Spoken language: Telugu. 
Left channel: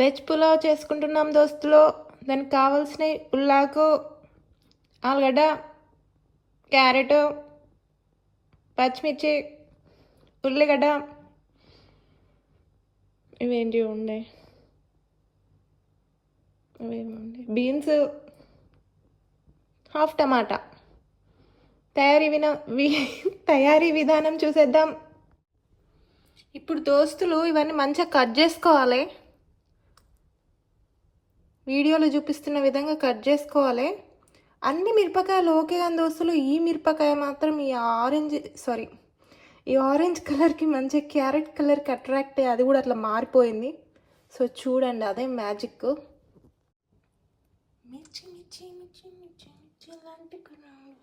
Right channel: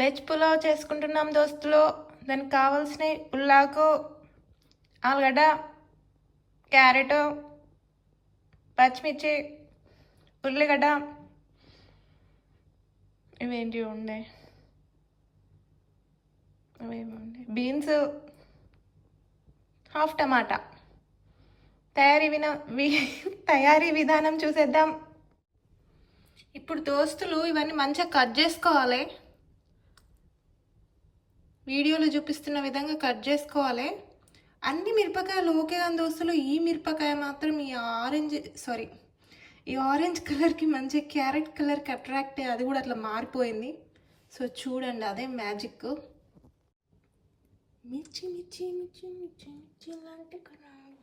వెజ్ పులావ్ చేసుకుంటున్నాం దోస్తులు. దానికి కావాల్సినవి ఉల్లాకు, ఆలుగడ్డ, క్యారెట్, పచ్చిమిర్చి, ఉల్లిగడ్డ, ఇవేంటి ఉండే ఇవేముండే బీన్స్, హాఫ్ టమాటా. తయారీ విధానం చూసేద్దాం. ఇప్పుడు దోస్తులు ఇవన్నీ మంచిగా కట్ చేసుకోవాలి. వీడియోలో చూపిస్తున్న విధంగా కట్ చేసుకోవాలి. అన్ని మిరపకాయలు ఓకే కానీ దోస్తులు, ఈ మిరపకాయ మాత్రం ఈ ఆరెంజ్ కలర్కి మంచిగా క్యారెట్ కలర్కి అట్రాక్ట్ అయ్యి అది కూడా అట్లా మారిపోయింది. సో చూడండి, అదే మ్యాజిక్. మిర్చి మిర్చి మిర్చి మిర్చి మిర్చి లాంటి కణాలు.